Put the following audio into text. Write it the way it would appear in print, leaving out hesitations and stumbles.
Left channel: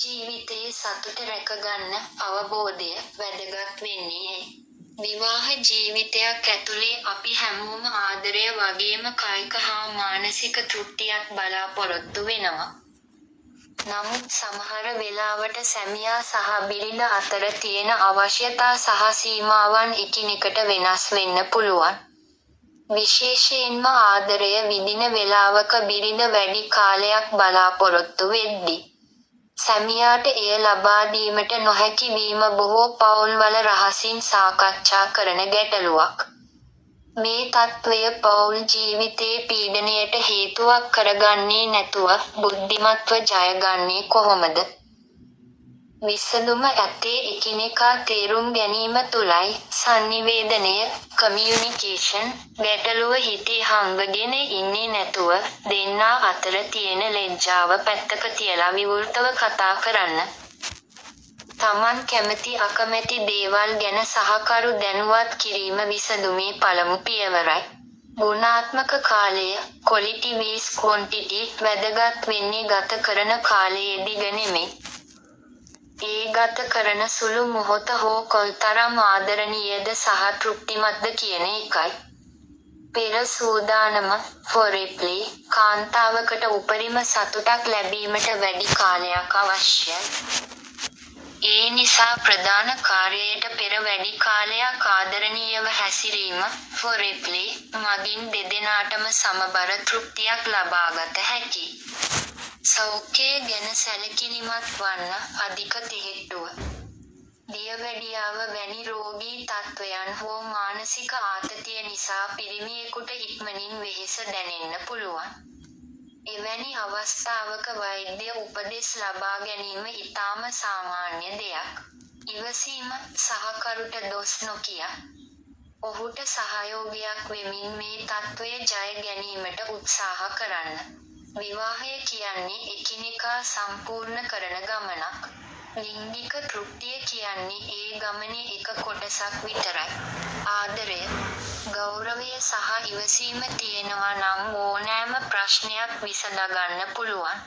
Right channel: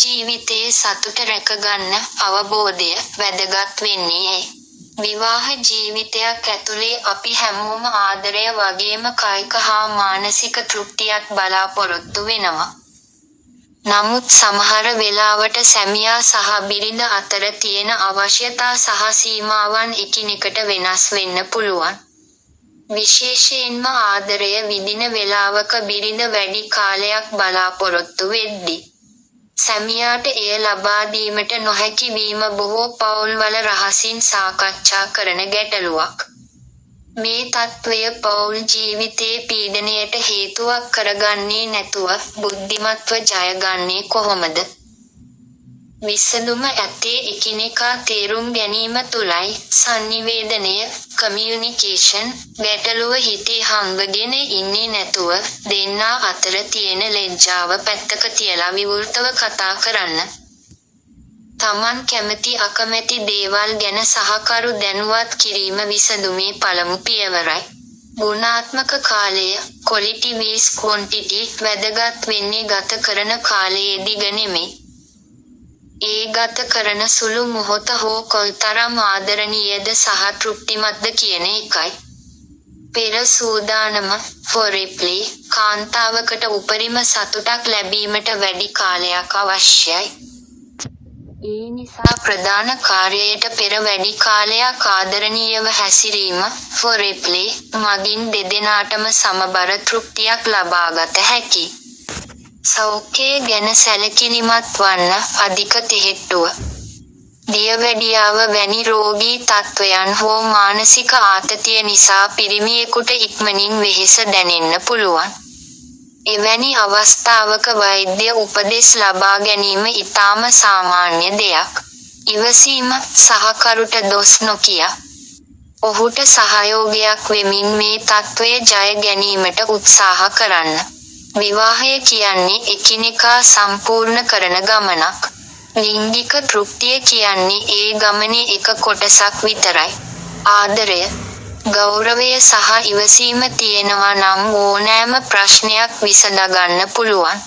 ජීවිතයේ සතුට රැකගන්න අවබෝධය වැදගත් වෙන්නේ ඇයි? විවාහ ජීවිතයක් ඇතුලේ අපි හැමෝම ආදරය වගේම කායික හා මානසික තෘප්තියක් බලාපොරොත්තු වෙනවා. නමුත් සමහර වෙලාවට සැමියා සහ බිරිඳ අතර තියෙන අවශ්‍යතා සහ සීමාවන් එකිනෙකට වෙනස් වෙන්න පුළුවන්. විශේෂයෙන්ම ආදරය විඳින වෙලාවක බිරිඳ වැඩි කාලයක් බලාපොරොත්තු වෙද්දී සැමියාට එය ලබා දීමට නොහැකි වීම බොහෝ පවුල්වල රහසින් සාකච්ඡා කරන ගැටලුවක්. මේ තත්ත්වය පවුල් ජීවිතයේ පීඩනයට හේතුවක් කරගන්නේ නැතුව බුද්ධිමත්ව ජයගන්නේ කොහොමද? විසඳුම ඇත්තේ එකිනෙකා තේරුම් ගැනීම තුලයි. සංනිවේදනය, කමියුනිකේෂන්, ගැටලුව හිතේ හංගගෙන ඉන්නේ නැතුව දෙන්නා අතර තියෙන ලැජ්ජාව පැත්තක තියලා විවෘතව කතා කරන්න. තමන් කැමති අකමැති දේවල් ගැන සහකරු දැනුවත් කිරීම විසඳුමේ පළමු පියවරයි. ගුණාත්මක කාලය, ක්වොලිටි වීස් ක්වොන්ටිටි, වැදගත් වෙන්නේ ගත කරන කාලයේදී නෙමෙයි. ඒ ගත කරන සුළු මොහොත හෝ කොයිතරම් ආදරණීයද සහ තෘප්තිමත්ද කියන එකයි. පෙර සූදානම ෆොරෙප්ලේ කාන්තාවකට උපරිම සතුටක් ලැබීමට වැඩි කාලයක් අවශ්‍යයි. ඒ නිසා ප්‍රධාන කාර්යයට පෙර වැඩි කාලයක් ආදරණීයව හැසිරීම ෆොරෙප්ලේ මගින් දෙදෙනාටම සමබර තෘප්තියක් ලබාගත හැකියි. සෞඛ්‍යය ගැන සැලකිලිමත් වන්න. අධික තෙහෙට්ටුව, දියවැඩියාව වැනි රෝගී තත්ත්වයන් හෝ මානසික ආතතිය නිසා පිරිමියෙකුට ඉක්මනින් වෙහෙස දැනෙන්න පුළුවන්. එවැනි අවස්ථාවක වෛද්‍ය උපදෙස් ලබා ගැනීම ඉතාම සාමාන්‍ය දෙයක්. ඉවසීම, සහකරුට දොස් නොකිය ඔහුට සහයෝගයක් වෙමින් මේ තත්ත්වය ජය ගැනීමට උත්සාහ කරන්න. විවාහය කියන්නේ එකිනෙකා සම්පූර්ණ කරන ගමනක්. ලිංගික තෘප්තිය කියන්නේ ඒ ගමනේ එක කොටසක් විතරයි. ආදරය, ගෞරවය සහ ඉවසීම තියෙනවා නම් ඕනෑම ප්‍රශ්නයක් විසඳගන්න පුළුවන්.